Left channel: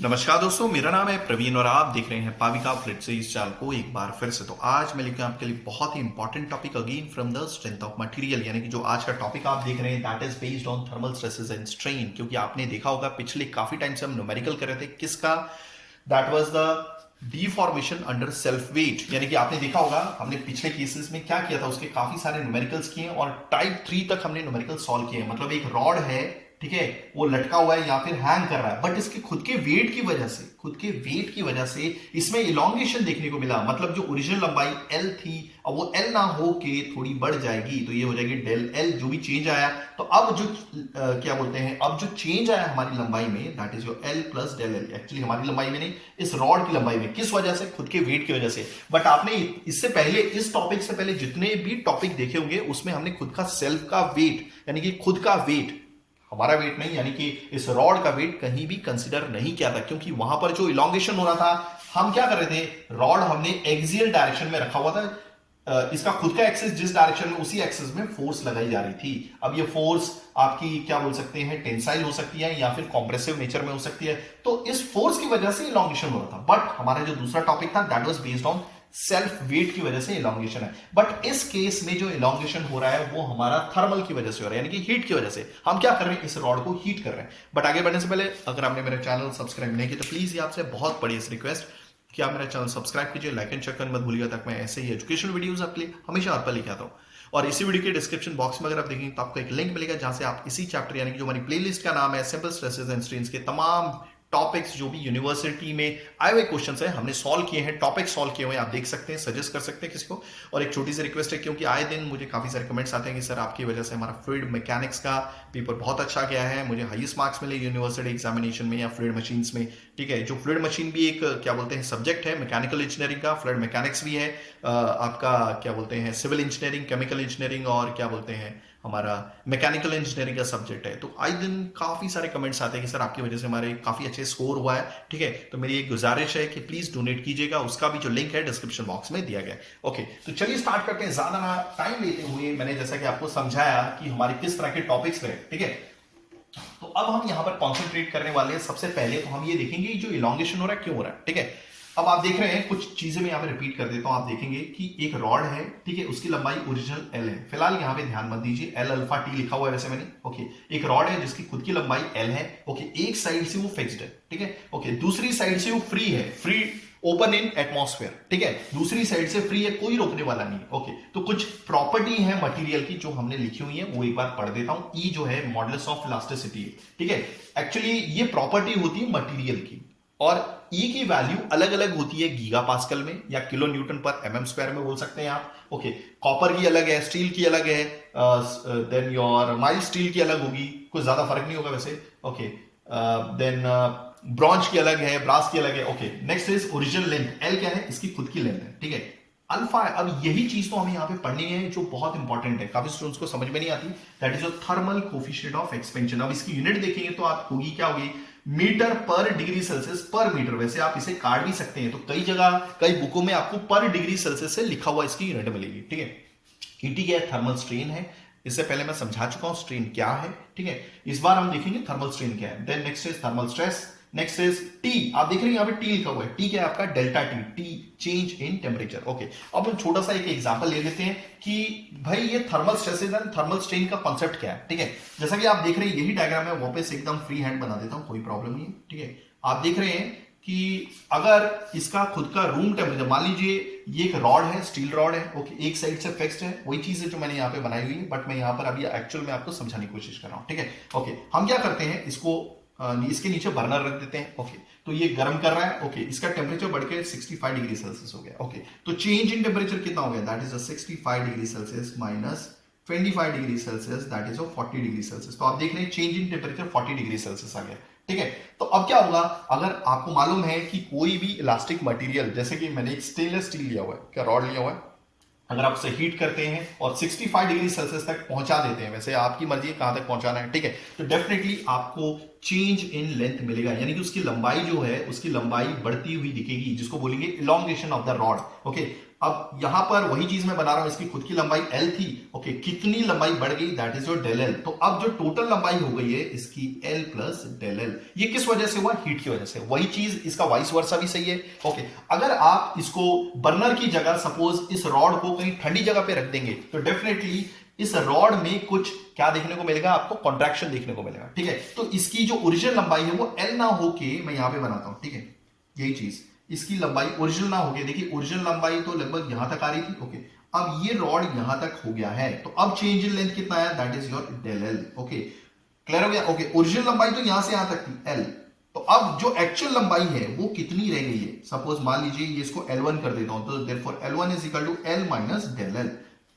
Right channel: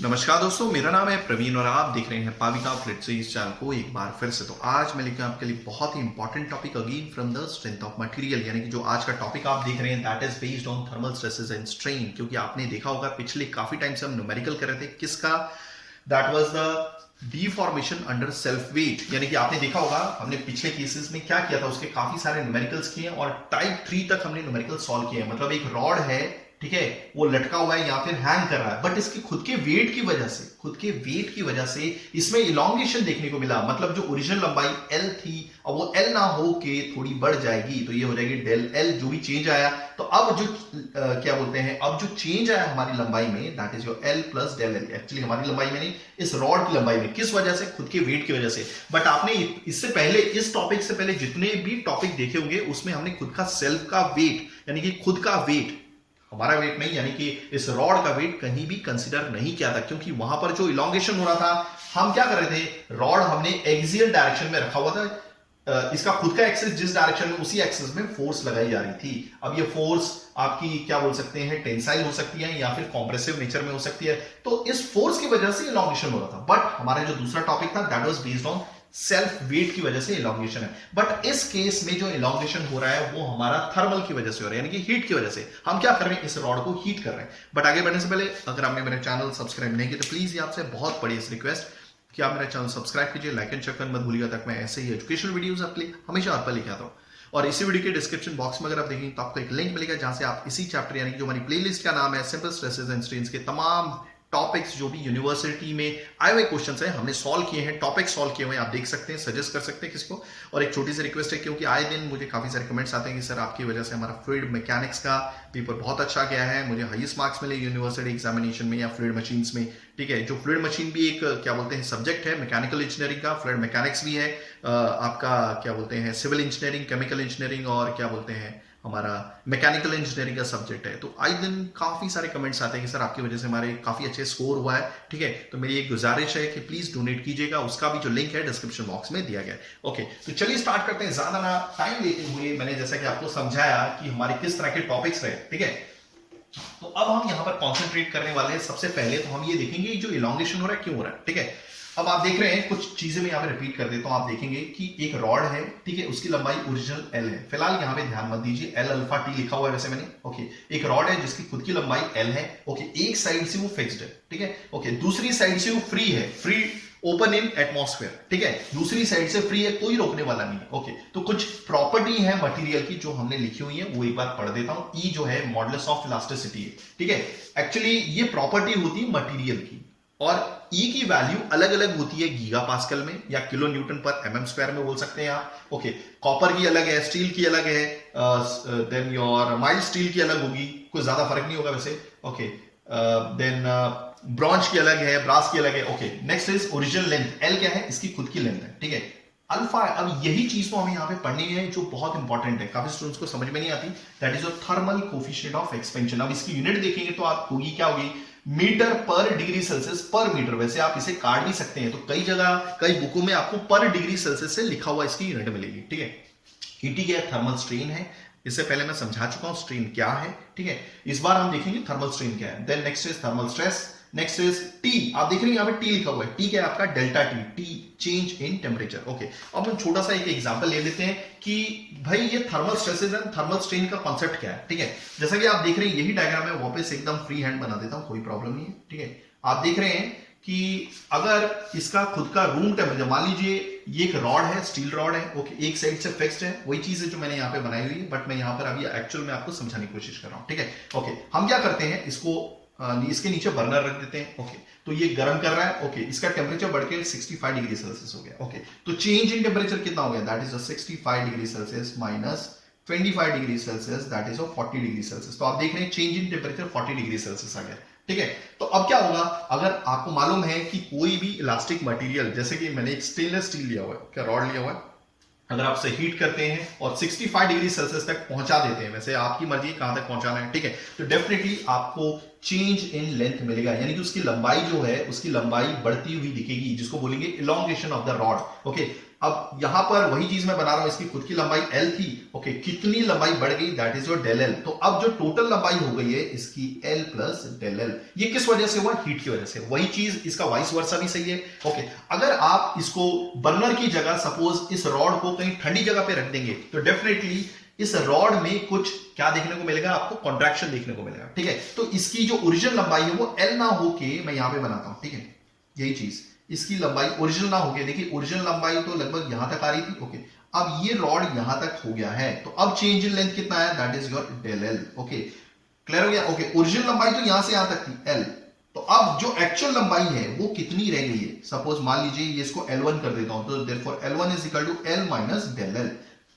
नमस्कार दोस्तों, मेरा नाम है प्रवीण और आप देख रहे हैं पाविका फ्लिट से इस चैनल को एक बार फिर से। तो आज मैं लेकर आपके लिए बहुत ही important topic again from the strength of material, यानी कि जो आज का टॉपिक आप देख रहे हैं that is based on thermal stresses and strain. क्योंकि आपने देखा होगा पिछले काफी टाइम से हम न्यूमेरिकल कर रहे थे किसका, that was the deformation under self weight. यानी कि आपने देखा होगा हमने पिछले केसेस में क्या किया था, उसके काफी सारे न्यूमेरिकल्स किए और टाइप 3 तक हमने न्यूमेरिकल सॉल्व किए। मतलब एक रॉड है, ठीक है, वो लटका हुआ है या फिर हैंग कर रहा है, बट इसके खुद के वेट की वजह से इसमें इलोंगेशन देखने को मिला। मतलब जो ओरिजिनल लंबाई L थी अब वो L ना हो के थोड़ी बढ़ जाएगी, तो ये हो जाएगी डेल L। जो भी चेंज आया, तो अब जो क्या बोलते हैं, अब जो चेंज आया हमारी लंबाई में that is your L plus del L। Actually हमारी लंबाई में नहीं, इस रॉड की लंबाई में। किस वजह से? खुद के वेट की वजह से। बट आपने इससे पहले, इस टॉपिक से पहले जितने भी टॉपिक देखे होंगे उसमें हमने खुद का सेल्फ का वेट, यानी कि खुद का वेट, हमारा वेट नहीं, यानी कि इस रॉड का वेट कहीं भी कंसीडर नहीं किया था। क्योंकि वहां पर जो इलोंगेशन हो रहा था, हम क्या कर रहे थे, रॉड हमने एक्सियल डायरेक्शन में रखा हुआ था। इसका खुद का एक्सिस जिस डायरेक्शन में, उसी एक्सिस में फोर्स लगाई जा रही थी। अब ये फोर्स आपकी क्या बोल सकते हैं, टेंसाइल हो सकती है या फिर कॉम्प्रेसिव नेचर में हो सकती है। तो इस फोर्स की वजह से इलोंगेशन हो रहा था। बट हमारा जो दूसरा टॉपिक था that was based on self weight की वजह से इलोंगेशन है। बट इस केस में जो इलोंगेशन हो रहा है वो हमारा थर्मल की वजह से हो रहा है, यानी कि हीट की वजह से। हम क्या कर रहे हैं, इस रॉड को हीट कर रहे हैं। बट आगे बढ़ने से पहले अगर आपने मेरा चैनल सब्सक्राइब नहीं किया तो प्लीज ये आपसे बहुत बड़ी रिक्वेस्ट कि आप मेरा चैनल सब्सक्राइब कीजिए, लाइक एंड शेयर करना मत भूलिएगा, ताकि मैं ऐसे ही एजुकेशनल वीडियोस आपके लिए हमेशा आप पर लेके आता हूं। और इसी वीडियो के डिस्क्रिप्शन बॉक्स में अगर आप देखेंगे तो आपको एक लिंक मिलेगा जहां से आप इसी चैप्टर, यानी कि जो हमारी प्लेलिस्ट का नाम है सिंपल स्ट्रेसेस एंड स्ट्रेन्स के तमाम टॉपिक्स जो भी यूनिवर्सिटी में आए हुए क्वेश्चंस हैं हमने सॉल्व किए हैं, टॉपिक सॉल्व किए हुए हैं, आप देख सकते हैं, सजेस्ट कर सकते हैं किसी को। और एक छोटी सी रिक्वेस्ट है, क्योंकि आए दिन मुझे काफी सारे कमेंट्स आते हैं कि सर आपकी वजह से हमारा फ्लूइड मैकेनिक्स का पेपर बहुत अच्छा गया है, मुझे हाईएस्ट मार्क्स मिले यूनिवर्सिटी एग्जामिनेशन में या फ्लूइड मशीन्स में। ठीक है, जो फ्लूइड मशीन भी एक क्या बोलते हैं सब्जेक्ट है मैकेनिकल इंजीनियरिंग का, फ्लूइड मैकेनिक्स भी है आपका क्या बोलते हैं सिविल इंजीनियरिंग, केमिकल इंजीनियरिंग और क्या बोलते हैं हमारा मैकेनिकल इंजीनियरिंग का सब्जेक्ट है। तो आए दिन काफी सारे कमेंट्स आते हैं कि सर आपकी वजह से हमारे काफी अच्छे स्कोर हुआ है। ठीक है, तो मेरी एक गुजारिश है कि प्लीज डोनेट कीजिएगा, उसका भी जो लिंक है डिस्क्रिप्शन बॉक्स में दिया गया है। ओके, तो चलिए स्टार्ट करते हैं। ज्यादा टाइम लेते हुए मैंने जैसा कि आपको समझाया कि हमारे किस तरह के टॉपिक्स रहे। ठीक है, तो अब हम यहां पर कॉन्सेंट्रेट करने वाले हैं। सबसे पहले तो हम ये देखेंगे जो इलोंगेशन हो रहा है क्यों हो रहा है। ठीक है, अब आप देख रहे हैं कुछ चीजें मैं यहाँ पे रिपीट कर देता हूं। आप देखेंगे कि एक रॉड है, ठीक है, उसकी लंबाई ओरिजिनल L है। फिलहाल यहाँ पे ध्यान मत दीजिए, L अल्फा T लिखा हुआ है वैसे मैंने। ओके, एक रॉड है जिसकी खुद की लंबाई L है। ओके, एक साइड से वो फिक्स्ड है, ठीक है। ओके, दूसरी साइड से वो फ्री है, फ्री ओपन इन एटमॉस्फेयर। ठीक है, दूसरी साइड से फ्री है, कोई रोकने वाला नहीं। ओके, तो कुछ प्रॉपर्टी है मटेरियल की जो हमने लिखी हुई है, वो एक बार पढ़ देता हूं। E जो है मॉडुलस ऑफ इलास्टिसिटी है। ठीक है, एक्चुअली ये प्रॉपर्टी होती है मटेरियल की, और E की वैल्यू अलग अलग होती है गीगा पास्कल में या किलो न्यूटन पर mm स्क्वायर में बोल सकते हैं आप। ओके, कॉपर की अलग है, स्टील की अलग है, देन योर माइल्ड स्टील की अलग होगी, कुछ ज्यादा फर्क नहीं होगा वैसे। ओके, देन ब्रॉन्ज की अलग है, ब्रास की अलग है। Okay, next is original length, L क्या है, इसकी खुद की लेंथ है। ठीक है, अल्फा। अब यही चीज तो हमें यहाँ पे पढ़नी है जो बहुत इंपॉर्टेंट है, काफी स्टूडेंट्स को समझ में नहीं आती, that is your thermal coefficient of expansion. अब इसकी यूनिट देखेंगे तो आप होगी क्या होगी, मीटर पर डिग्री सेल्सियस पर मीटर। वैसे आप इसे काट भी सकते हैं, तो कई जगह कई बुकों में आपको पर डिग्री सेल्सियस से लिखा हुआ इसकी यूनिट मिलेगी। ठीक है, ईटी क्या है, थर्मल स्ट्रेन है। इससे पहले मैं समझा चुका हूं स्ट्रेन क्या है। ठीक है, इस बार हम देखेंगे थर्मल स्ट्रेन क्या है। Then next is thermal stress, next is T. आप देख रहे हैं यहाँ पे टी लिखा हुआ है, टी क्या है आपका, delta T, T change in temperature. Okay, अब हम छोटा सा एक एग्जांपल ले लेते हैं कि भाई ये thermal stresses and thermal strain का कॉन्सेप्ट क्या है। ठीक है, जैसा कि आप देख रहे हैं यही डायग्राम है, वापस एकदम फ्री हैंड बना देता हूं, कोई प्रॉब्लम नहीं है। ठीक है, आप देख रहे हैं कि अगर इसका खुद का रूम टेम्परेचर, मान लीजिए ये एक रॉड है, स्टील रॉड है। ओके, एक साइड से फिक्स्ड है, वही चीज है जो मैंने यहाँ पे बनाई हुई है, बट मैं यहाँ पर अभी एक्चुअल में आपको समझाने की कोशिश कर रहा हूँ। ठीक है, ओके, हम क्या करते हैं, इसको इसके नीचे बर्नर रख देते हैं। ओके, तो ये गर्म कर रहा है। ओके, इसका टेम्परेचर बढ़ के 65 डिग्री सेल्सियस हो गया। ओके, तो चेंज इन टेम्परेचर कितना हो गया, that is 65 degree Celsius minus 25 degree Celsius, that is 40 degree Celsius. तो आप देख रहे हैं change in temperature 40 degree Celsius आ गया। ठीक है, तो अब क्या होगा, अगर आपको मालूम है कि कोई भी इलास्टिक मटेरियल, जैसे कि मैंने एक स्टेनलेस स्टील लिया हुआ है, क्या रॉड लिया हुआ है, अगर आप उसे हीट करते हैं और 65 डिग्री सेल्सियस तक पहुंचा देते हैं, वैसे आपकी मर्जी है कहां तक पहुंचाना है। ठीक है, तो डेफिनेटली आपको चेंज इन लेंथ मिलेगा, यानी कि उसकी लंबाई जो है, उसकी लंबाई बढ़ती हुई दिखेगी, जिसको बोलेंगे elongation of the rod. Okay, अब यहां पर वही चीज मैं बना रहा हूं, इसकी खुद की लंबाई L थी, ओके, कितनी लंबाई बढ़ गई, that is your del L. तो अब जो टोटल लंबाई हो गई है इसकी L प्लस डेल एल। ये किस वजह से हुआ, हीट की वजह से। वही चीज इसका वाइस वर्सा भी सही है, ओके। अगर आप इसको बर्नर की जगह सपोज इस रॉड को कहीं ठंडी जगह पे रख देंगे तो डेफिनेटली इस रॉड में कुछ क्या देखने को मिलेगा, आपको कॉन्ट्रैक्शन देखने को मिलेगा, ठीक है। तो इसकी जो ओरिजिनल लंबाई है वो L ना होके, मैं यहां पे बनाता हूं, ठीक है, यही चीज, इसकी लंबाई ओरिजिनल ना होके, देखिए ओरिजिनल लंबाई तो लगभग यहां तक आ रही थी, ओके। अब ये रॉड यहां तक हो गया है, तो अब चेंज इन लेंथ कितना है, that is your del L, okay. Clear हो गया, ओके। ओरिजिनल लंबाई तो यहां से यहां तक थी L, तो अब जो एक्चुअल लंबाई है वो कितनी रह गई है, सपोज मान लीजिए ये इसको L1 कर देता हूं, तो therefore L1 is equal to L minus del L.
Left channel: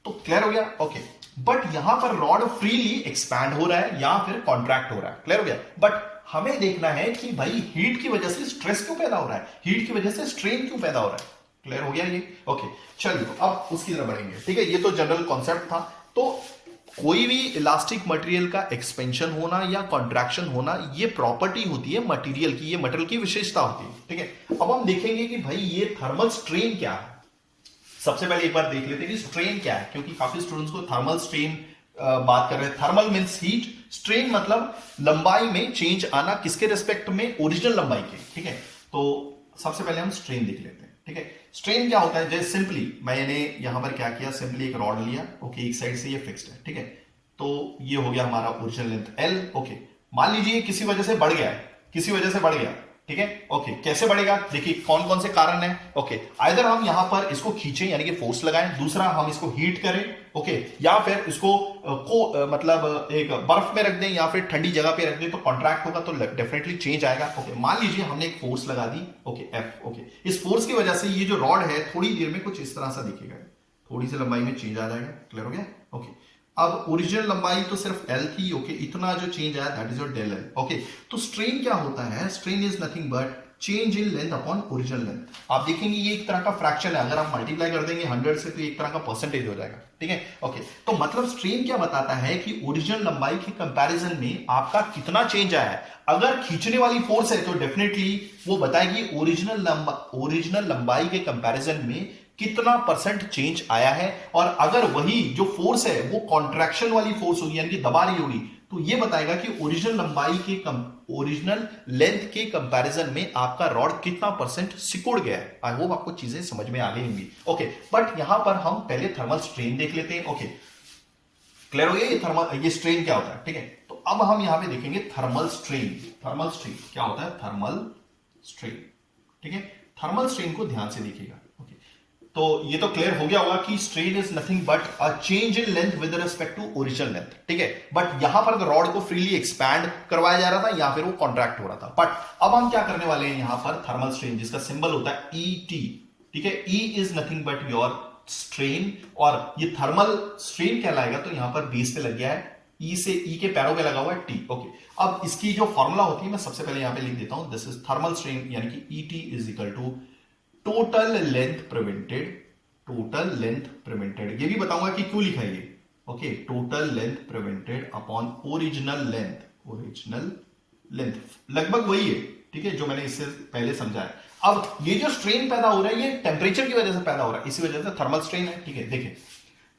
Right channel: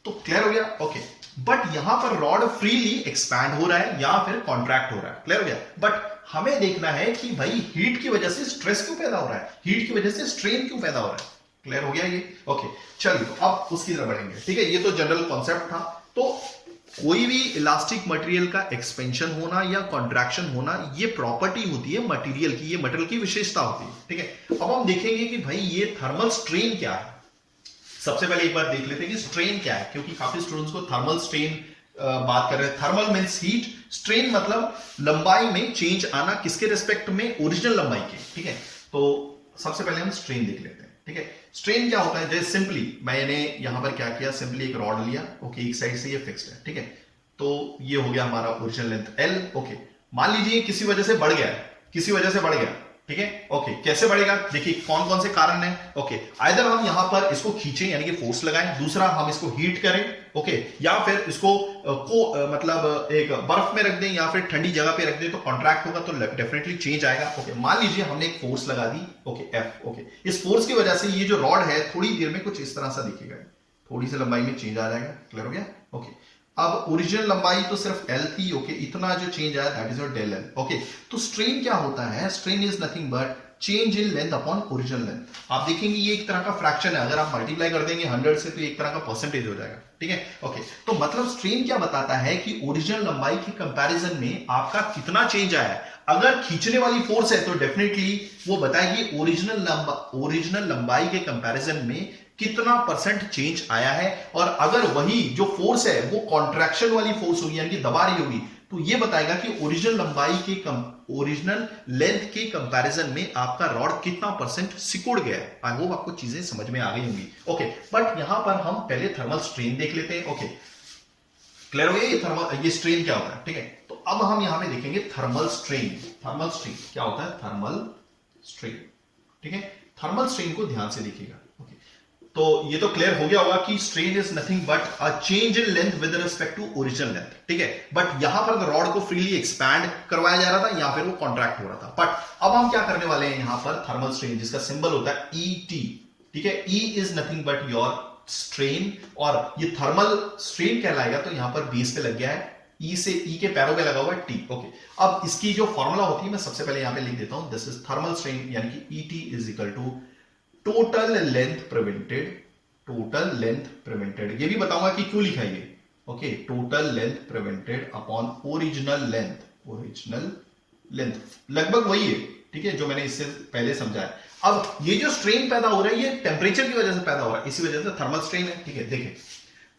तो क्लियर हो गया, ओके। बट यहां पर रॉड फ्रीली एक्सपैंड हो रहा है या फिर कॉन्ट्रैक्ट हो रहा है, क्लियर हो गया। बट हमें देखना है कि भाई हीट की वजह से स्ट्रेस क्यों पैदा हो रहा है, हीट की वजह से स्ट्रेन क्यों पैदा हो रहा है, क्लियर हो गया ये, ओके। चलिए तो अब उसकी तरफ बढ़ेंगे, ठीक है। ये तो जनरल कॉन्सेप्ट था। तो कोई भी इलास्टिक मटेरियल का एक्सपेंशन होना या कॉन्ट्रैक्शन होना, ये प्रॉपर्टी होती है मटेरियल की, ये मटेरियल की विशेषता होती है, ठीक है। अब हम देखेंगे कि भाई ये थर्मल स्ट्रेन क्या है। सबसे पहले एक बार देख लेते हैं कि स्ट्रेन क्या है, क्योंकि काफी स्टूडेंट्स को थर्मल स्ट्रेन बात कर रहे हैं। थर्मल मींस हीट, स्ट्रेन मतलब लंबाई में चेंज आना, किसके रिस्पेक्ट में, ओरिजिनल लंबाई के, ठीक है। तो सबसे पहले हम स्ट्रेन देख लेते हैं, ठीक है। स्ट्रेन क्या होता है, जैसे सिंपली मैंने यहां पर क्या किया, सिंपली एक रॉड लिया, ओके, एक साइड से ये फिक्स्ड है, ठीक है। तो ये हो गया हमारा ओरिजिनल लेंथ L, ओके। मान लीजिए किसी वजह से बढ़ गया है, किसी वजह से बढ़ गया, ठीक है, ओके। कैसे बढ़ेगा, देखिए कौन कौन से कारण है, ओके। आइदर हम यहां पर इसको खींचे यानी कि फोर्स लगाएं, दूसरा हम इसको हीट करें, ओके, या फिर इसको मतलब एक बर्फ में रख दें या फिर ठंडी जगह पे रख दें, तो कॉन्ट्रैक्ट होगा, तो डेफिनेटली चेंज आएगा, ओके। मान लीजिए हमने एक फोर्स लगा दी, ओके, F, ओके। इस फोर्स की वजह से ये जो रॉड है थोड़ी देर में कुछ इस तरह सा दिखेगा, थोड़ी सी लंबाई में चेंज आ जाएगा, क्लियर हो गया, ओके। अब ओरिजिनल लंबाई तो सिर्फ L थी, ओके, इतना जो चेंज आया that is your del L, okay. तो स्ट्रेन क्या होता है, strain is nothing but change in length upon original length. आप देखेंगे ये एक तरह का फ्रैक्शन है, अगर आप मल्टीप्लाई कर देंगे 100 से तो एक तरह का परसेंटेज हो जाएगा, ठीक है, ओके। तो मतलब स्ट्रेन क्या बताता है कि ओरिजिनल लंबाई के कंपैरिजन में आपका कितना चेंज आया है। अगर खींचने वाली फोर्स है तो डेफिनेटली वो बताएगी ओरिजिनल लंबाई के कंपैरिजन में कितना परसेंट चेंज आया है। और अगर वही जो फोर्स है वो कॉन्ट्रैक्शन वाली फोर्स होगी यानी कि दबा रही होगी, तो ये बताएगा कि ओरिजिनल लंबाई के ओरिजिनल लेंथ के कंपैरिजन में आपका रॉड कितना परसेंट सिकुड़ गया है। आई होप आपको चीजें समझ में आ गई होंगी, ओके। बट यहां पर हम पहले थर्मल स्ट्रेन देख लेते हैं, ओके। क्लियर हो गया ये स्ट्रेन क्या होता है, ठीक है। तो अब हम यहां पे देखेंगे थर्मल स्ट्रेन। थर्मल स्ट्रेन क्या होता है, थर्मल स्ट्रेन, ठीक है। थर्मल स्ट्रेन को ध्यान से देखिएगा, ओके। तो ये तो क्लियर हो गया होगा कि strain is nothing but a change in length with respect to original length, ठीक है। बट यहां पर रॉड को फ्रीली एक्सपैंड करवाया जा रहा था या फिर वो कॉन्ट्रैक्ट हो रहा था। बट अब हम क्या करने वाले हैं, यहां पर थर्मल स्ट्रेन जिसका सिंबल होता है ET, ठीक है। E is nothing but your strain, और ये थर्मल स्ट्रेन कहलाएगा, तो यहां पर बेस पे लग गया है, E से E के पैरों पे लगा हुआ है T, ओके। अब इसकी जो फॉर्मूला होती है मैं सबसे पहले यहां पे लिख देता हूं, दिस इज थर्मल स्ट्रेन यानी कि ET is equal to total length prevented, total length prevented, ये भी बताऊंगा कि क्यों लिखा है ये, okay. Total length prevented upon original length, original length लगभग वही है, ठीक है, जो मैंने इससे पहले समझाया। अब ये जो स्ट्रेन पैदा हो रहा है ये टेम्परेचर की वजह से पैदा हो रहा है, इसी वजह से थर्मल स्ट्रेन है, ठीक है। देखिए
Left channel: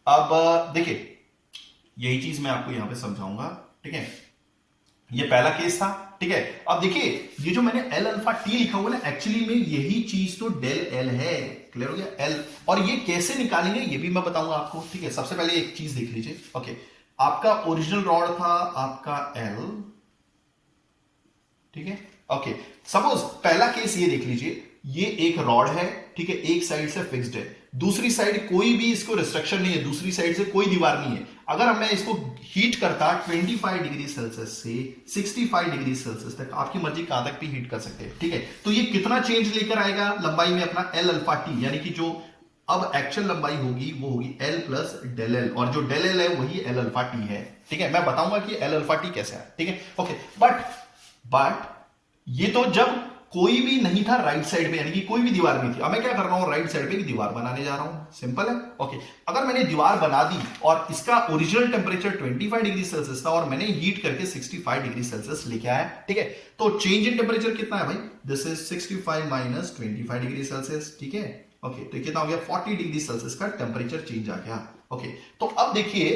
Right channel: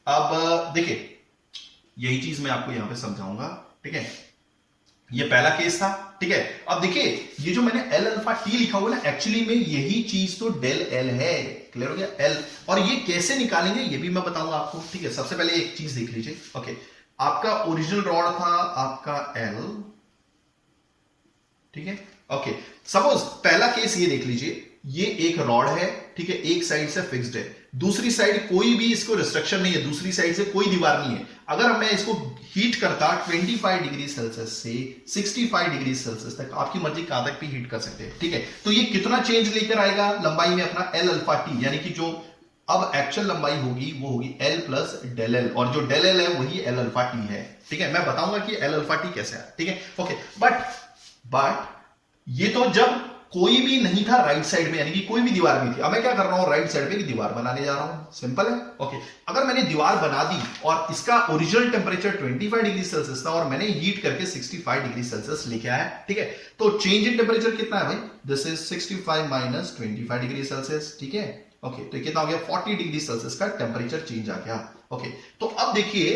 अब देखिए यही चीज मैं आपको यहां पे समझाऊंगा, ठीक है। ये पहला केस था, ठीक है। अब देखिए ये जो मैंने L अल्फा T लिखा हुआ ना, एक्चुअली में यही चीज तो डेल L है, क्लियर हो गया, L। और ये कैसे निकालेंगे ये भी मैं बताऊंगा आपको, ठीक है। सबसे पहले एक चीज देख लीजिए, ओके। आपका ओरिजिनल रॉड था आपका L, ठीक है, ओके। सपोज पहला केस ये देख लीजिए, ये एक रॉड है, ठीक है, एक साइड से फिक्स्ड है, दूसरी साइड कोई भी इसको रिस्ट्रिक्शन नहीं है, दूसरी साइड से कोई दीवार नहीं है। अगर मैं इसको हीट करता 25 डिग्री सेल्सियस से 65 डिग्री सेल्सियस तक, आपकी मर्जी कहां तक भी हीट कर सकते हैं, ठीक है। तो ये कितना चेंज लेकर आएगा लंबाई में अपना L अल्फा T, यानी कि जो अब एक्चुअल लंबाई होगी वो होगी L प्लस डेल एल, और जो डेल एल है वही L अल्फा T है, ठीक है। मैं बताऊंगा कि L अल्फा T कैसे है, ठीक है, ओके। बट ये तो जब कोई भी नहीं था राइट साइड में, यानी कि कोई भी दीवार नहीं थी। अब मैं क्या कर रहा हूं, राइट साइड पे एक दीवार बनाने जा रहा हूं, सिंपल है, ओके। अगर मैंने दीवार बना दी और इसका ओरिजिनल टेम्परेचर 25 डिग्री सेल्सियस था और मैंने हीट करके 65 डिग्री सेल्सियस लेके आया, ठीक है। तो चेंज इन टेम्परेचर कितना है भाई, this is 65 minus 25 degree Celsius, ठीक है, ओके, तो कितना हो गया 40 डिग्री सेल्सियस का टेम्परेचर चेंज आ गया। ओके, तो अब देखिए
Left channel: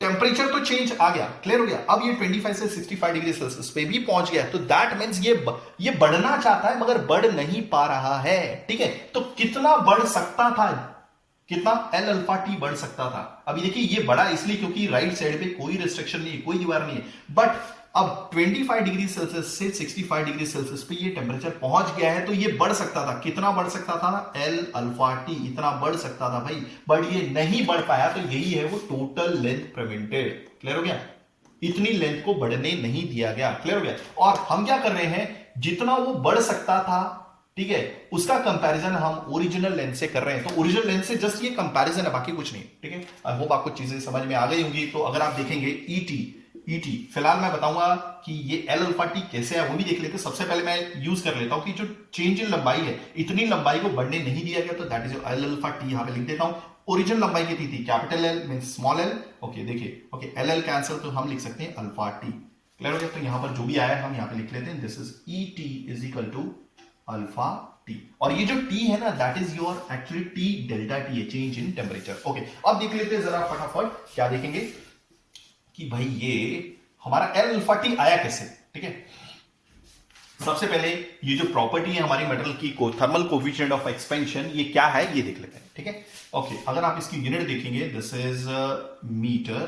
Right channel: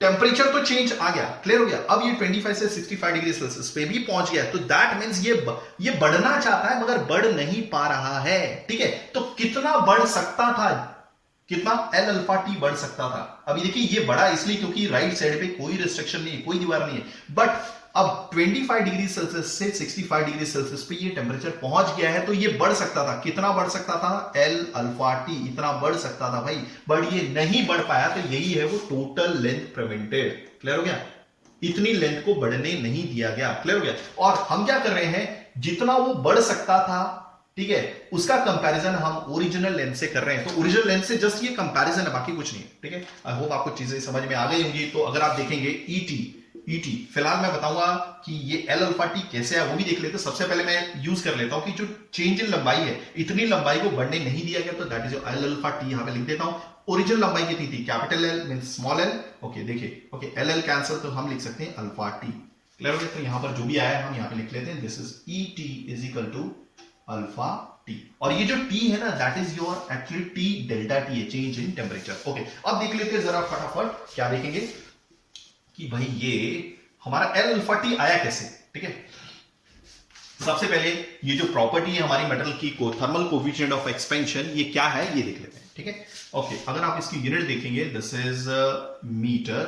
टेम्परेचर तो चेंज आ गया, क्लियर हो गया। अब ये 25 से 65 डिग्री सेल्सियस पे भी पहुंच गया, तो दैट मींस ये बढ़ना चाहता है मगर बढ़ नहीं पा रहा है, ठीक है। तो कितना बढ़ सकता था, कितना एल अल्फा टी बढ़ सकता था। अभी देखिए ये बढ़ा इसलिए क्योंकि राइट साइड पे कोई रिस्ट्रिक्शन नहीं है, कोई दीवार नहीं है, बट अब 25 डिग्री सेल्सियस से 65 डिग्री सेल्सियस पे ये टेम्परेचर पहुंच गया है, तो ये बढ़ सकता था। कितना बढ़ सकता था, एल अल्फा टी इतना बढ़ सकता था भाई, बट ये नहीं बढ़ पाया, तो यही है वो टोटल लेंथ प्रिवेंटेड, क्लियर हो गया। इतनी लेंथ को बढ़ने नहीं दिया गया, क्लियर हो गया। और हम क्या कर रहे हैं, जितना वो बढ़ सकता था, ठीक है, उसका कंपैरिजन हम ओरिजिनल लेंथ से कर रहे हैं। तो ओरिजिनल लेंथ से जस्ट ये कंपैरिजन है, बाकी कुछ नहीं, ठीक है। आई होप आपको चीजें समझ में आ गई होंगी। तो अगर आप देखेंगे ईटी, फिलहाल मैं बताऊंगा कि ये एल अल्फा टी कैसे है वो भी देख लेते हैं। सबसे पहले मैं यूज कर लेता हूं कि जो चेंज इन लंबाई है, इतनी लंबाई को बढ़ने नहीं दिया गया, तो that is L alpha T. यहां पे लिख देता हूं, ओरिजिनल लंबाई कितनी थी, capital L means small L. Okay, देखिए, ओके, एल एल कैंसिल, तो हम लिख सकते हैं अल्फा टी, क्लियर हो गया। तो यहां पर जो भी आया है हम यहां पे लिख लेते हैं, this is E T is equal to alpha T. और ये जो टी है ना, that is your actually T delta T है, चेंज इन टेम्परेचर। ओके, अब देख लेते हैं जरा फटाफट, क्या देखेंगे कि भाई ये हमारा एल अल्फा टी आया कैसे, ठीक है। सबसे पहले ये जो प्रॉपर्टी है हमारी मेटल की थर्मल कोफिशिएंट ऑफ एक्सपेंशन, ये क्या है ये देख लेते हैं, ठीक है। ओके, अगर आप इसकी यूनिट देखेंगे, दिस इज मीटर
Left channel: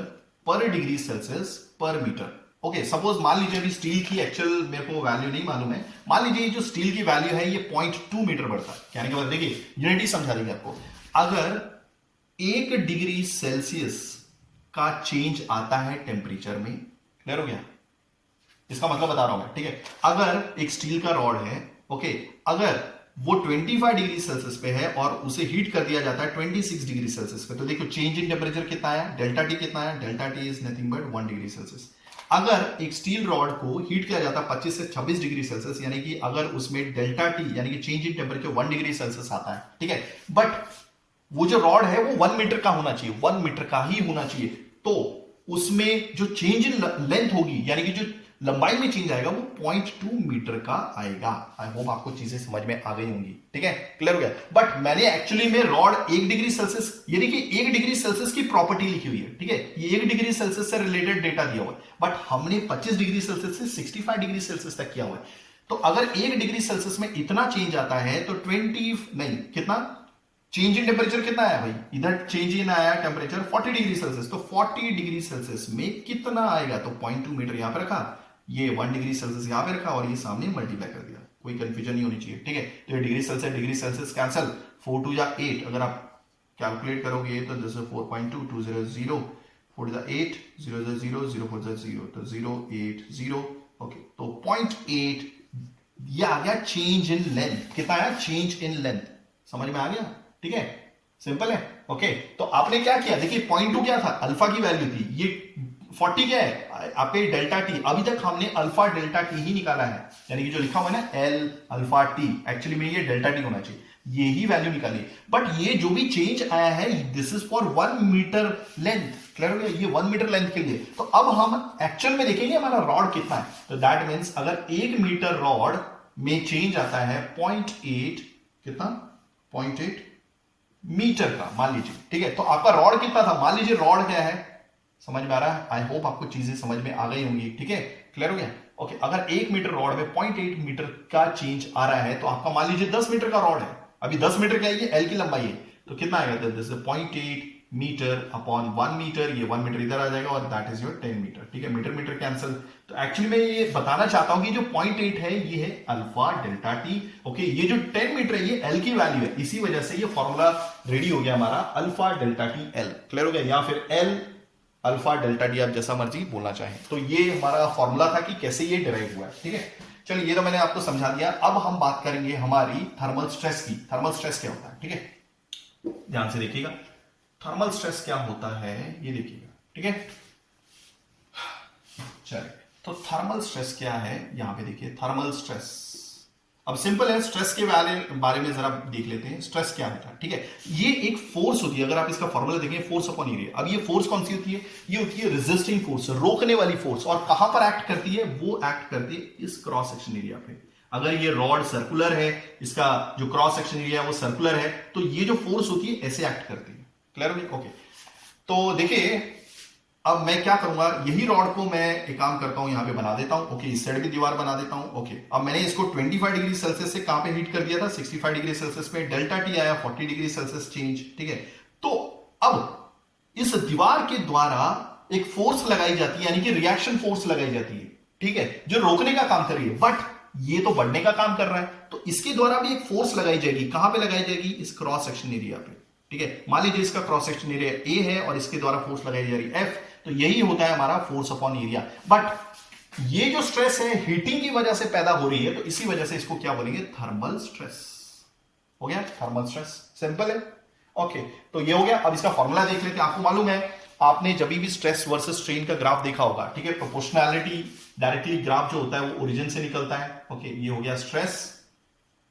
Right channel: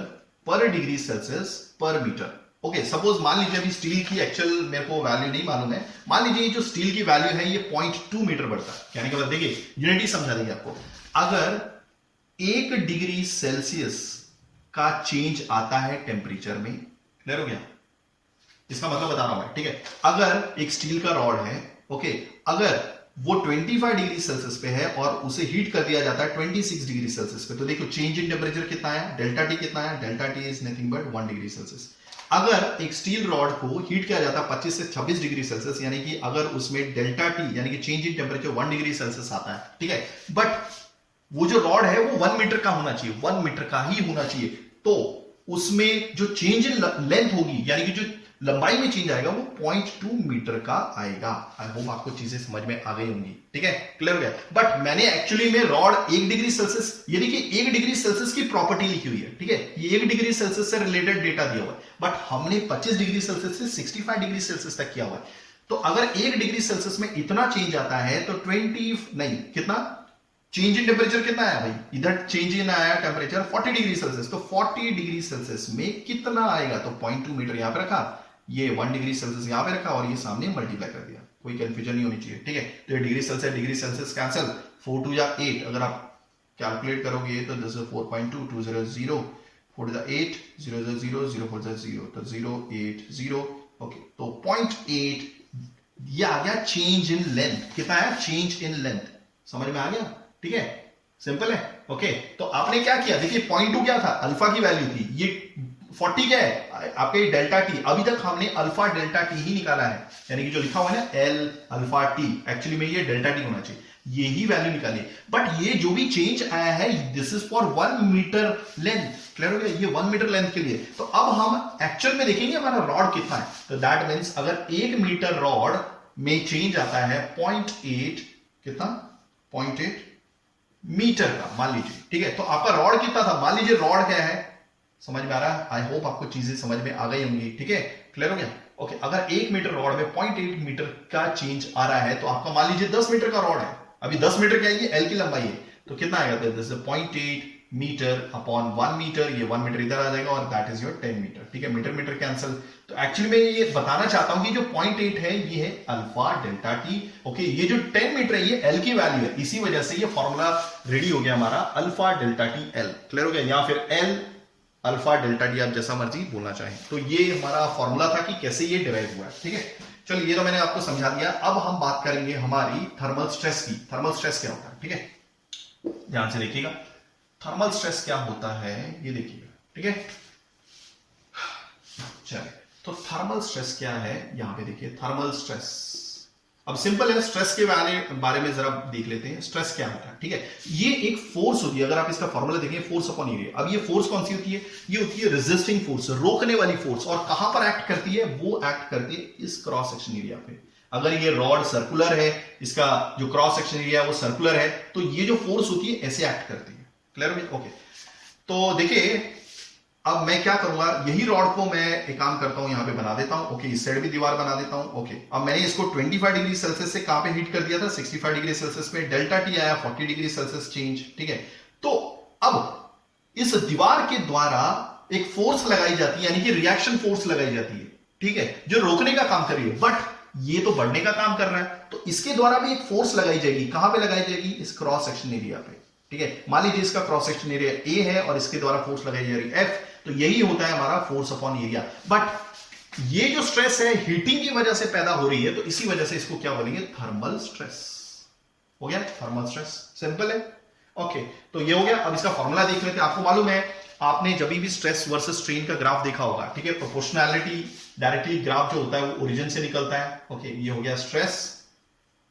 पर डिग्री सेल्सियस पर मीटर। ओके, सपोज मान लीजिए अभी स्टील की एक्चुअल मेरे को वैल्यू नहीं मालूम है, मान लीजिए जो स्टील की वैल्यू है ये 0.2 मीटर बढ़ता है, कहने के बाद देखिए यूनिट ही समझा देगी आपको। अगर 1 डिग्री सेल्सियस का चेंज आता है टेम्परेचर में, क्लियर हो गया, इसका मतलब बता रहा हूं मैं, ठीक है। अगर एक स्टील का रॉड है, ओके, अगर वो 25 डिग्री सेल्सियस पे है और उसे हीट कर दिया जाता है 26 डिग्री सेल्सियस पे, तो देखो चेंज इन टेम्परेचर कितना आया, डेल्टा टी कितना आया, delta T is nothing but 1 degree Celsius. अगर एक स्टील रॉड को हीट किया जाता है 25 से 26 डिग्री सेल्सियस, यानी कि अगर उसमें डेल्टा टी यानी कि change in temperature 1 degree Celsius आता है, ठीक है, बट वो जो रॉड है वो 1 मीटर का होना चाहिए, 1 मीटर का ही होना चाहिए, तो उसमें जो चेंज इन लेंथ होगी यानी कि जो लंबाई में चेंज आएगा वो 0.2 मीटर का आएगा। आई होप आपको चीजें समझ में आ गई होंगी, ठीक है, क्लियर हो गया। बट मैंने एक्चुअली में रॉड 1 डिग्री सेल्सियस यानी कि 1 डिग्री सेल्सियस की प्रॉपर्टी लिखी हुई है, ठीक है, ये 1 डिग्री सेल्सियस से रिलेटेड डेटा दिया हुआ है, बट हमने 25 डिग्री सेल्सियस से 65 डिग्री सेल्सियस तक किया हुआ है। तो अगर 1 डिग्री सेल्सियस में इतना चेंज आता है तो 20 नहीं, कितना चेंज इन टेम्परेचर कितना आया भाई, इधर चेंज इन आया टेम्परेचर 40 डिग्री सेल्सियस, तो 40 डिग्री सेल्सियस में कितना आएगा, तो 0.2 मीटर यहां पे रखा, ये 1 डिग्री सेल्सियस यहां पे रखा और ये सामने मल्टीप्लाई कर दिया, कोई कंफ्यूजन नहीं होनी चाहिए, ठीक है। तो ये डिग्री सेल्सियस कैंसिल, 4 2 जा 8, अगर आप कैलकुलेट करोगे तो दिस इज 4.2 200 4 जा 8 0 0 0 0 4 जा 0, तो 0 8 0। ओके, तो 0.8 ये आ गया चेंज इन लेंथ, कितना आया चेंज इन लेंथ, समझ में आ गया, ठीक है, सिंपल है। ओके, तो आपने क्या किया, देखिए 0.2 क्या था, अल्फा की वैल्यू थी, ये 40 क्या है आपके डेल्टा टी, अभी तक हमने अल्फा डेल्टा टी ही निकाला है, यानी कि जो लिखा हुआ है ना एल अल्फा टी, एक्चुअली में ये डेल्टा टी होना चाहिए, ये ही वैल्यू निकाली। बट ये जो भी चेंज आया है this is for 1 metre length, clear हो गया, ये 1 मीटर लेंथ के लिए। तो अब हम एक्चुअल में देखेंगे हमारा रॉड कितना है, तो दैट मीन्स अगर 1 मीटर रॉड में चेंज आता है 0.8, कितना 0.8 मीटर का मान लीजिए, ठीक है। तो आपका रॉड कितना था, मान लीजिए रॉड क्या है, समझ में आ रहा है, आई होप आपको चीजें समझ में आ गई होंगी, ठीक है, क्लियर हो गया। ओके, अगर 1 मीटर रॉड में 0.8 मीटर का चेंज आ रहा है, तो आपका मान लीजिए 10 मीटर का रॉड है, अभी 10 मीटर क्या है, ये एल की लंबाई है, तो कितना आएगा, this is 0.8 metre upon 1 metre, ये 1 मीटर इधर आ जाएगा और दैट इज योर 10 मीटर, ठीक है, मीटर मीटर कैंसिल। तो एक्चुअली मैं ये बताना चाहता हूं कि जो 0.8 है ये है अल्फा डेल्टा टी। ओके, ये जो 10 मीटर है ये एल की वैल्यू है, इसी वजह से ये फॉर्मूला रेडी हो गया हमारा alpha delta T L, clear हो गया, या फिर एल अल्फा डेल्टा टी, आप जैसा मर्जी बोलना चाहें। तो ये हमारा फॉर्मूला था कि कैसे ये डिराइव हुआ, ठीक है। चलिए, ये तो मैंने आपको समझा दिया। अब हम बात करेंगे हमारी थर्मल स्ट्रेस की। थर्मल स्ट्रेस क्या होता है, ठीक है, ध्यान से देखिएगा, थर्मल स्ट्रेस क्या होता है ये देखिएगा, ठीक है। चलिए, तो थर्मल स्ट्रेस क्या है, यहां पे देखिए थर्मल स्ट्रेस, अब सिंपल है, स्ट्रेस के बारे में जरा देख लेते हैं, स्ट्रेस क्या होता है, ठीक है। ये एक फोर्स होती है, अगर आप इसका फॉर्मूला देखें, फोर्स अपॉन एरिया। अब ये फोर्स कौन सी होती है, ये होती है रेजिस्टिंग फोर्स, रोकने वाली फोर्स, और कहां पर एक्ट करती है, वो एक्ट करती है इस क्रॉस सेक्शन एरिया पे। अगर ये रॉड सर्कुलर है, इसका जो क्रॉस सेक्शन एरिया है वो सर्कुलर है, तो ये जो फोर्स होती है ऐसे एक्ट करती है। क्लियर हो गया? ओके, तो देखिए अब मैं क्या करूंगा, यही रॉड को मैं एक काम करता हूं, यहां पे बना देता हूं। ओके, इस साइड भी दीवार बना देता हूं। ओके, अब मैंने इसको 25 डिग्री सेल्सियस से कहां पे हीट कर दिया था, 65 डिग्री सेल्सियस पे। डेल्टा टी आया 40 डिग्री सेल्सियस चेंज। ठीक है, तो अब इस दीवार के द्वारा एक फोर्स लगाई जाती है, यानी कि रिएक्शन फोर्स लगाई जाती है। ठीक है, जो रोकने का काम कर रही है, बट ये तो बढ़ने का काम कर रहा है, तो इसके द्वारा भी एक फोर्स लगाई जाएगी। कहां पे लगाई जाएगी? इस क्रॉस सेक्शन एरिया पे। ठीक है, मान लीजिए इसका क्रॉस सेक्शन एरिया ए है और इसके द्वारा फोर्स लगाई जा रही है एफ, तो यही होता है हमारा फोर्स अपॉन एरिया। बट ये जो स्ट्रेस है हीटिंग की वजह से पैदा हो रही है, तो इसी वजह से इसको क्या बोलेंगे? Thermal stress. हो गया, थर्मल स्ट्रेस। सिंपल है। ओके, तो ये हो गया। अब इसका फॉर्मूला देख लेते हैं। आपको मालूम है, आपने जब भी स्ट्रेस वर्सेस स्ट्रेन का ग्राफ देखा होगा, ठीक है, प्रोपोर्शनैलिटी डायरेक्टली ग्राफ जो होता है वो ओरिजिन से निकलता है। ओके, ये हो गया स्ट्रेस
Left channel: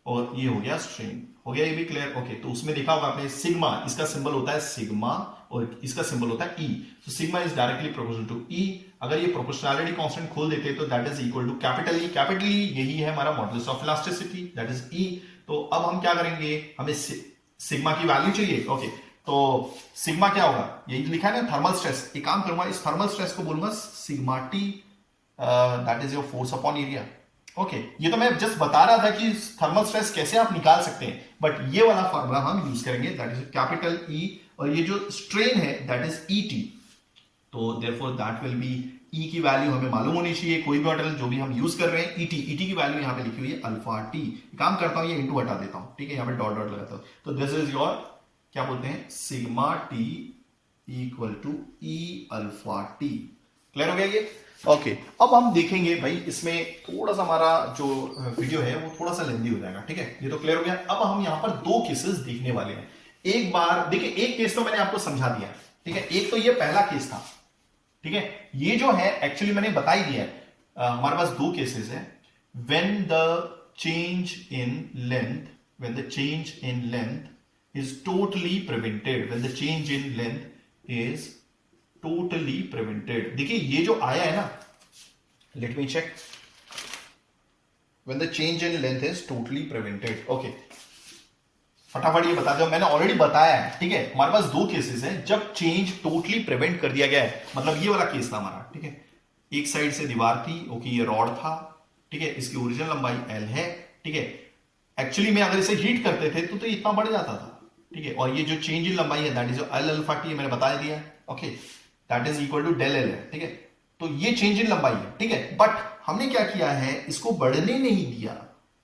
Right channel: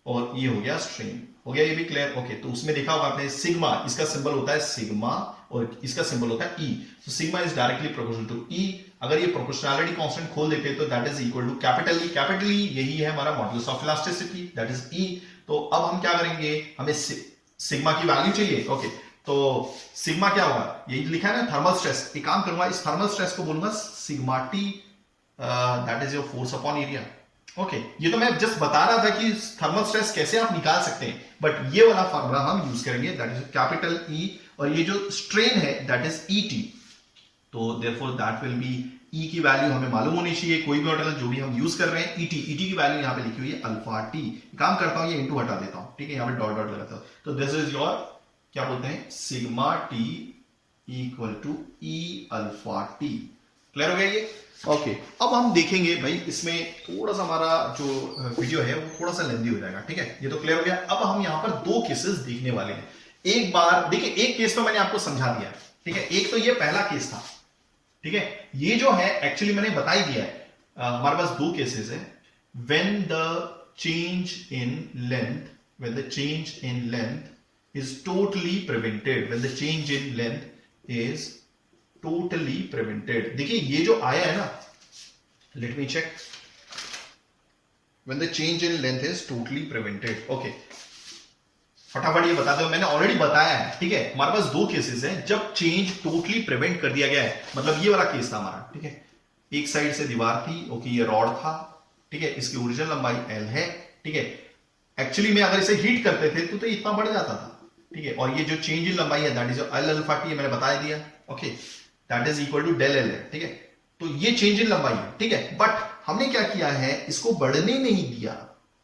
और ये हो गया स्ट्रेन। हो गया ये भी क्लियर? ओके, तो उसमें देखा होगा आपने सिग्मा, इसका सिंबल होता है सिग्मा और इसका सिंबल होता है ई। तो sigma is directly proportional to E. अगर ये प्रोपोर्शनैलिटी कांस्टेंट खोल देते हैं तो that is equal to capital E. Capital E यही है हमारा modulus of elasticity, that is E. तो अब हम क्या करेंगे, हमें सिग्मा की वैल्यू चाहिए। ओके, तो सिग्मा क्या होगा? यही लिखा है ना, थर्मल स्ट्रेस। एक काम करूंगा, इस थर्मल स्ट्रेस को बोलूंगा sigma T, that is your force upon area. Okay, ये तो मैं जस्ट बता रहा था कि थर्मल स्ट्रेस कैसे आप निकाल सकते हैं, बट ये वाला फॉर्मूला हम यूज करेंगे, दैट इज कैपिटल ई, और ये जो स्ट्रेन है दैट इज ई टी। तो देयरफॉर दैट विल बी, ई की वैल्यू हमें मालूम होनी चाहिए, कोई भी मॉडल जो भी हम यूज कर रहे हैं, ई टी की वैल्यू यहां पे लिखी हुई है अल्फा टी। काम करता हूं, ये इनटू हटा देता हूं। ठीक है, यहां पे डॉट डॉट लगाता हूं, तो दिस इज योर क्या बोलते हैं, sigma T equal to E alpha T. Clear हो गया ये? ओके, अब हम देखेंगे भाई, इसमें थोड़ा सा हमारा जो वीडियो है वो थोड़ा सा लेंदी हो जाएगा। ठीक है, ये तो क्लियर हो गया। अब हम यहां पर दो केसेस देखने वाले हैं। एक बार देखिए, एक केस तो मैंने आपको समझा दिया है। ठीक है, एक तो ये पहला केस था। ठीक है, ये जो है एक्चुअली मैंने बता ही दिया है। हमारे पास दो केसेस है। When the change in length is totally prevented, when the change in length is totally prevented। देखिए ये जो आया है ना, let me check, when the change in length is totally prevented। Okay, फटाफट ये बता दो, मैंने ऑलरेडी बताया है। ठीक है, हमारे पास दो केसेस हैं जब चेंज टोटली प्रिवेंट कर दिया गया है। मतलब ये वाला केस था हमारा। ठीक है, एक साइड से दीवार थी, ओके, ये रॉड था। ठीक है, इसकी ओरिजिनल लंबाई एल है। ठीक है, एक्चुअली में अगर इसे हीट करते थे तो इतना बढ़ जाता था। ठीक है, और ये जो चेंज इन लंबाई है that is L alpha T, मैंने बता दिया। Okay, that is equal to del L है। ठीक है, तो ये चेंज इन लंबाई है। ठीक है, बट हमने क्या किया है, इसको बढ़ने नहीं दिया।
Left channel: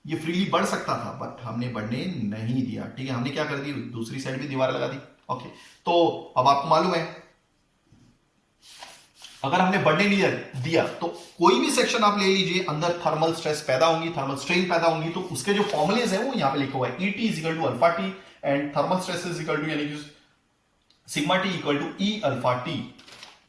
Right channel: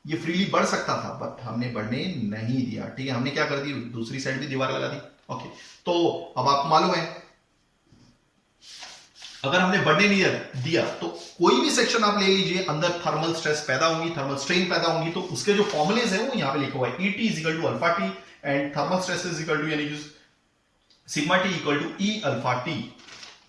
ये फ्रीली बढ़ सकता था बट हमने बढ़ने नहीं दिया। ठीक है, हमने क्या कर दी, दूसरी साइड भी दीवार लगा दी। ओके, तो अब आपको मालूम है, अगर हमने बढ़ने नहीं दिया तो कोई भी सेक्शन आप ले लीजिए, अंदर थर्मल स्ट्रेस पैदा होंगी, थर्मल स्ट्रेन पैदा होंगी। तो उसके जो फॉर्मुलेज है वो यहां पे लिखा हुआ है, ET is equal to alpha T and thermal stress is equal to, यानी कि sigma T equal to E alpha T.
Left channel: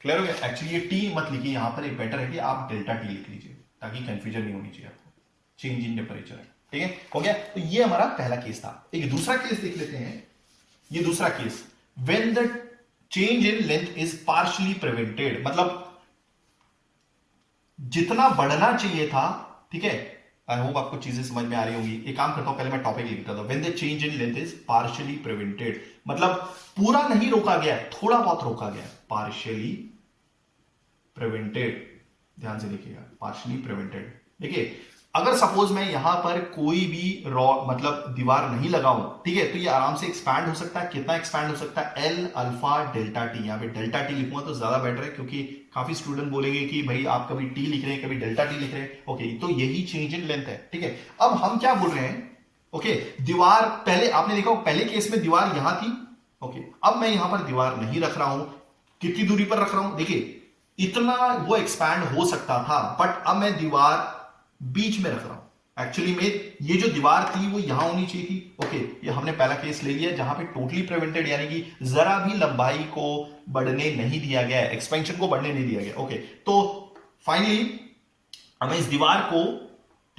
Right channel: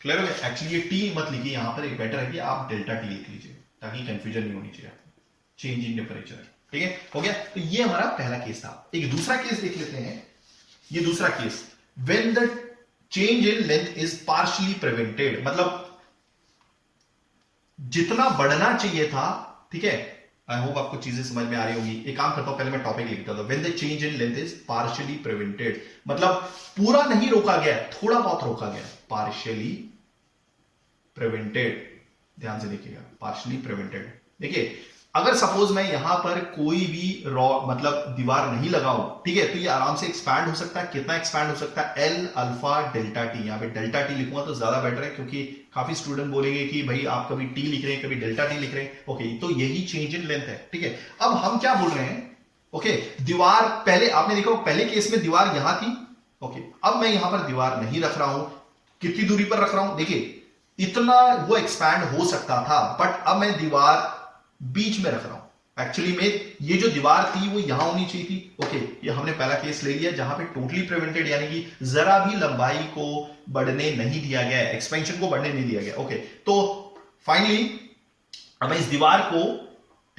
Clear हो गया? एक्चुअली ये टी मत लिखिए यहां पर, एक बेटर है कि आप डेल्टा टी लिख लीजिए ताकि कंफ्यूजन नहीं होनी चाहिए आपको। Change in temperature. ठीक है, हो गया। तो ये हमारा पहला केस था। एक दूसरा केस देख लेते हैं। ये दूसरा case, when the change in length is partially prevented, मतलब जितना बढ़ना चाहिए था। ठीक है, आई होप आपको चीजें समझ में आ रही होंगी। एक काम करता हूं, पहले मैं टॉपिक लिखता था। When the change in length is partially prevented, मतलब पूरा नहीं रोका गया, थोड़ा बहुत रोका गया, पार्शियली प्रिवेंटेड। ध्यान से देखिएगा, पार्शियली प्रिवेंटेड। देखिए, अगर सपोज मैं यहां पर कोई भी मतलब दीवार नहीं लगाऊं, ठीक है, तो ये आराम से एक्सपैंड हो सकता है। कितना एक्सपैंड हो सकता है? L alpha delta T. यहां पे डेल्टा टी लिखूंगा तो ज्यादा बेटर है, क्योंकि काफी स्टूडेंट बोलेंगे कि भाई आप कभी टी लिख रहे हैं, कभी डेल्टा टी लिख रहे हैं। ओके, तो यही चेंज इन लेंथ है। ठीक है, अब हम क्या बोल रहे हैं, ओके, दीवार पहले आपने देखा पहले केस में दीवार यहां थी। ओके, अब मैं यहां पर दीवार नहीं रख रहा हूं, कितनी दूरी पर रख रहा हूं? देखिए, इतना वो एक्सपैंड हो सकता था, बट अब मैं दीवार बीच में रख रहा हूं। एक्चुअली में ये जो दीवार थी वो यहां होनी चाहिए थी। ओके, ये हमने पहला केस ले लिया जहां पे टोटली प्रिवेंटेड, यानी कि जरा भी लंबाई को बढ़ने नहीं दिया गया, एक्सपेंशन को बढ़ने नहीं दिया गया। ओके, तो फाइनली हमें इस दीवार को,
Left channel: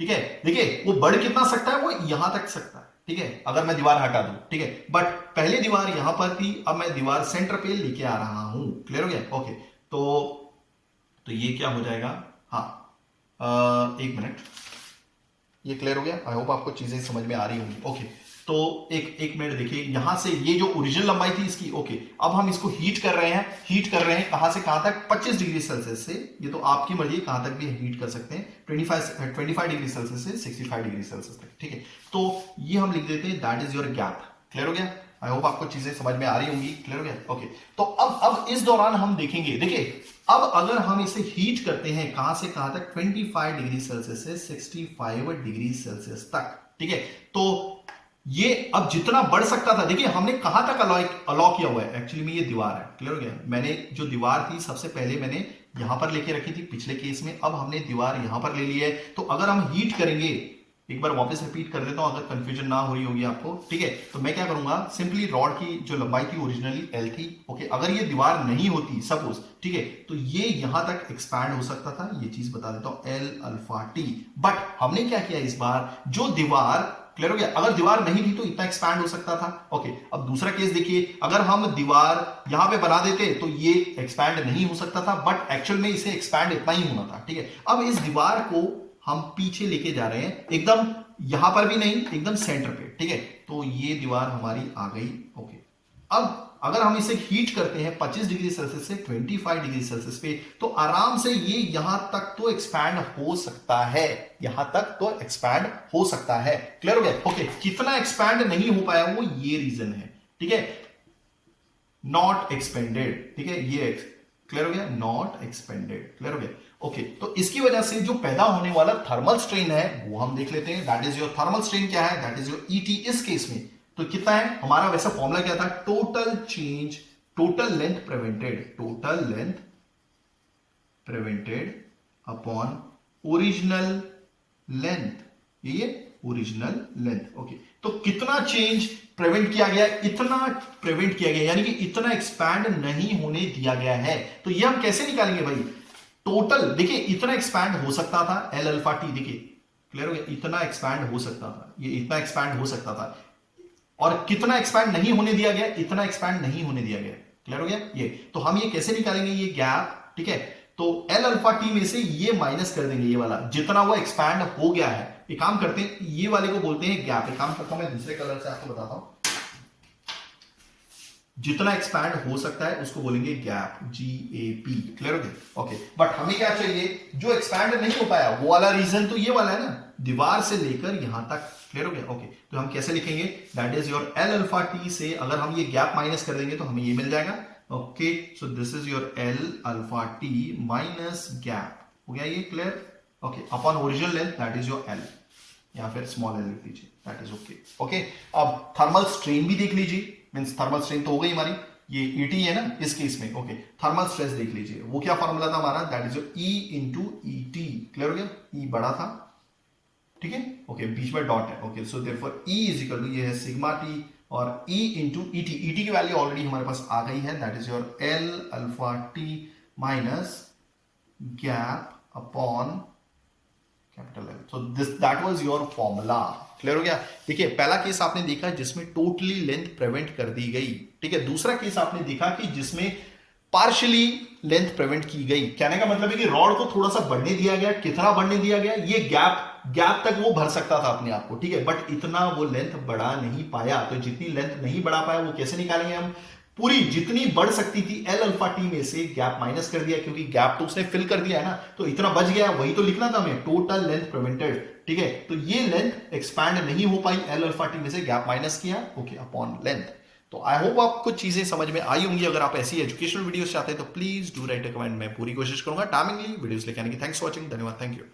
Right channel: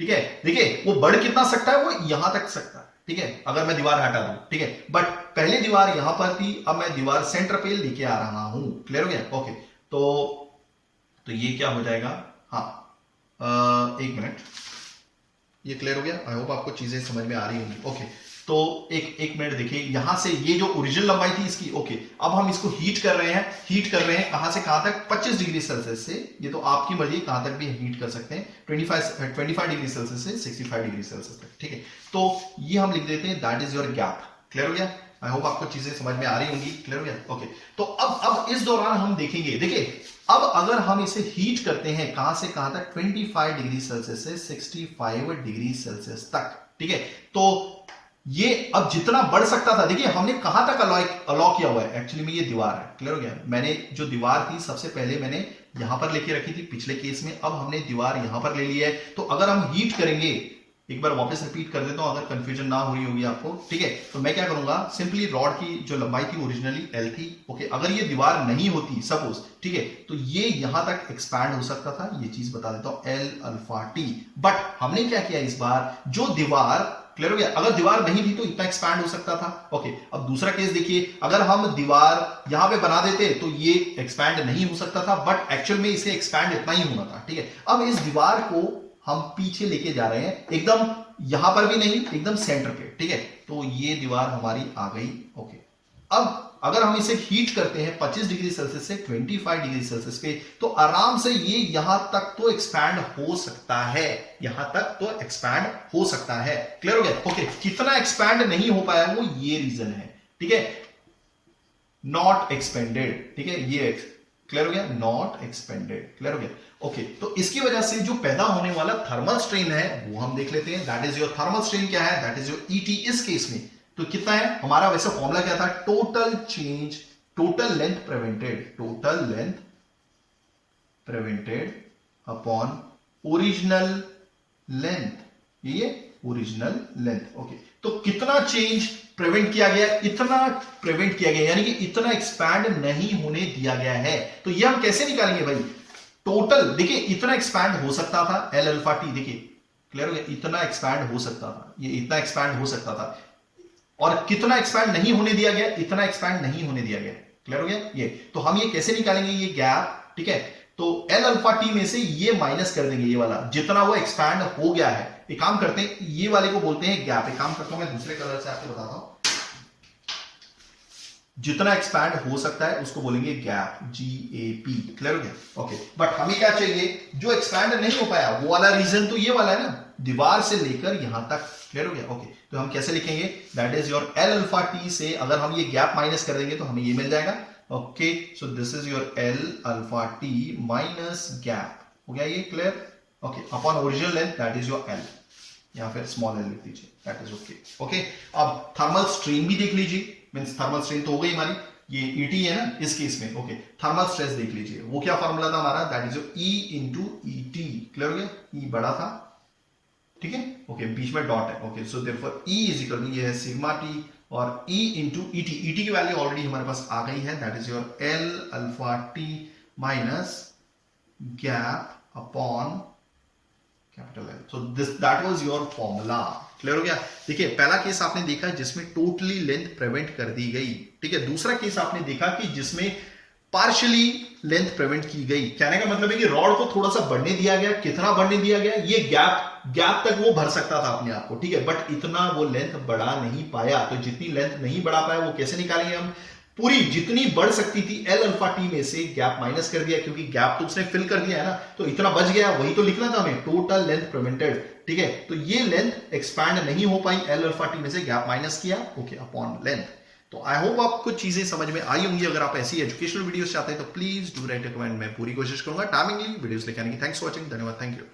ठीक है, देखिए वो बढ़ कितना सकता है, वो यहां तक सकता है। ठीक है, अगर मैं दीवार हटा दूं। ठीक है, बट पहले दीवार यहां पर थी, अब मैं दीवार सेंटर पे लेके आ रहा हूं। क्लियर हो गया? ओके, तो ये क्या हो जाएगा, हाँ, एक मिनट, ये क्लियर हो गया? आई होप आपको चीजें समझ में आ रही होंगी। ओके, तो एक मिनट देखिए, यहां से ये जो ओरिजिनल लंबाई थी इसकी, ओके, अब हम इसको हीट कर रहे हैं कहां से कहां तक? 25 डिग्री सेल्सियस से, ये तो आपकी मर्जी कहां तक भी हीट कर सकते हैं, 25 डिग्री सेल्सियस से 65 डिग्री सेल्सियस तक, ठीक है। तो ये हम लिख देते हैं that is your gap. Clear हो गया? आई होप आपको चीजें समझ में आ रही होंगी। क्लियर हो गया? ओके, तो अब इस दौरान हम देखेंगे, देखिए अब अगर हम इसे हीट करते हैं कहां से कहां तक? 25 डिग्री सेल्सियस से 65 डिग्री सेल्सियस तक, ठीक है। तो ये अब जितना बढ़ सकता था, देखिए हमने कहां तक अलाउ किया हुआ है, एक्चुअली में ये दीवार है। क्लियर हो गया? मैंने जो दीवार थी सबसे पहले मैंने यहां पर लेके रखी थी पिछले केस में, अब हमने दीवार यहां पर ले ली है। तो अगर हम हीट करेंगे, एक बार वापस रिपीट कर देता हूं अगर कंफ्यूजन ना हो रही होगी आपको, ठीक है। तो मैं क्या करूंगा, सिंपली रॉड की जो लंबाई थी ओरिजिनली एल थी, ओके, अगर ये दीवार नहीं होती सपोज, ठीक है, तो ये यहां तक एक्सपैंड हो सकता था, ये चीज बता देता हूं, एल अल्फा टी। बट हमने क्या किया इस बार, जो दीवार, क्लियर हो गया, अगर दीवार नहीं थी तो इतना एक्सपैंड हो सकता था। ओके, अब दूसरा केस देखिए, अगर हम दीवार यहां पे बना देते तो ये एक्सपैंड नहीं हो सकता था, बट एक्चुअल में इसे एक्सपैंड इतना ही होना था, ठीक है। अब इस दीवार को हम पीछे लेके जा रहे हैं, एकदम यहां पर भी नहीं, एकदम सेंटर पे, ठीक है। तो ये दीवार हमारी आ गई। ओके, अब अगर हम इसे हीट करते हैं 25 डिग्री सेल्सियस से 25 डिग्री सेल्सियस पे, तो आराम से ये यहां तक तो एक्सपैंड हो सकता है, यहां तक तो एक्सपैंड हो सकता है। क्लियर हो गया? ओके, कितना एक्सपैंड नहीं हो पाया वो ये रीजन है, ठीक है, नॉट एक्सपेंडेड, ठीक है, ये क्लियर हो गया, नॉट एक्सपेंडेड। क्लियर हो गया? ओके, तो इसकी वजह से जो पैदा होने वाला थर्मल स्ट्रेन है वो हम देख लेते हैं। That is your thermal strain क्या है? That is your ET. इस केस में तो कितना है हमारा, वैसे फॉर्मूला क्या था? Total change, total length prevented, total length prevented upon original length, ये ओरिजिनल लेंथ। ओके, तो कितना चेंज प्रिवेंट किया गया? इतना प्रिवेंट किया गया, यानी कि इतना एक्सपैंड नहीं होने दिया गया है। तो ये हम कैसे निकालेंगे भाई? टोटल देखिए, इतना एक्सपैंड हो सकता था एल अल्फा टी, देखिए क्लियर हो गया, इतना एक्सपैंड हो सकता था, ये इतना एक्सपैंड हो सकता था, और कितना एक्सपैंड नहीं होने दिया गया? इतना एक्सपैंड नहीं होने दिया गया। क्लियर हो गया? ये तो हम ये कैसे निकालेंगे ये गैप, ठीक है। तो एल अल्फा टी में से ये माइनस कर देंगे, ये वाला जितना वो एक्सपैंड हो गया है। एक काम करते हैं, ये वाले को बोलते हैं गैप। एक काम करता हूं मैं दूसरे कलर से आपको बताता हूं, जितना एक्सपैंड हो सकता है उसको बोलेंगे गैप, GAP। क्लियर हो गया? ओके, बट हमें क्या चाहिए? जो एक्सपैंड नहीं हो पाया वो वाला रीजन तो ये वाला है ना, दीवार से लेकर यहां तक। क्लियर हो गया? ओके, तो हम कैसे लिखेंगे? That is your L alpha T से अगर हम ये गैप माइनस कर देंगे तो हमें ये मिल जाएगा। Okay, so this is your L alpha T minus gap, हो गया ये clear? Okay, upon original length that is your L, या फिर स्मॉल एल लिख दीजिए, दैट इज ओके। ओके, अब थर्मल स्ट्रेन भी देख लीजिए, मींस थर्मल स्ट्रेन तो हो गई हमारी, ये ईटी है ना इस केस में। ओके, थर्मल स्ट्रेस देख लीजिए, वो क्या फॉर्मूला था हमारा? That is your E into ET. Clear हो गया? ई बड़ा था, ठीक है, ओके, बीच में डॉट है। Okay, so therefore E is equal to ये है सिग्मा टी, और ई इंटू ईटी, ईटी की वैल्यू ऑलरेडी हमारे पास आ गई है, that is your L alpha T minus gap upon capital L. So this that was your formula. Clear हो गया? देखिए, पहला केस आपने देखा जिसमें टोटली लेंथ प्रिवेंट कर दी गई, ठीक है। दूसरा केस आपने देखा कि जिसमें पार्शियली लेंथ प्रिवेंट की गई। कहने का मतलब है कि रॉड को थोड़ा सा बढ़ने दिया गया, कितना बढ़ने दिया गया? ये गैप तक वो भर सकता था अपने आप को, ठीक है, बट इतना वो लेंथ बढ़ा नहीं पाया। तो जितनी लेंथ नहीं बढ़ा पाया वो कैसे निकालेंगे हम? पूरी जितनी बढ़ सकती थी एल अल्फा टी में से गैप माइनस कर दिया, क्योंकि गैप तो उसने फिल कर दिया है ना, तो इतना बच गया, वही तो लिखना था हमें, टोटल लेंथ प्रिवेंटेड, ठीक है। तो ये लेंथ एक्सपैंड नहीं हो पाई, एल अल्फा टी में से गैप माइनस किया, ओके, अपॉन लेंथ। तो आई होप आपको चीजें समझ में आई होंगी। अगर आप ऐसी एजुकेशनल वीडियोस चाहते हैं तो please do right a comment, मैं पूरी कोशिश करूंगा टाइमिंगली वीडियोस लेके आने की। थैंक्स फॉर वॉचिंग, धन्यवाद, थैंक यू।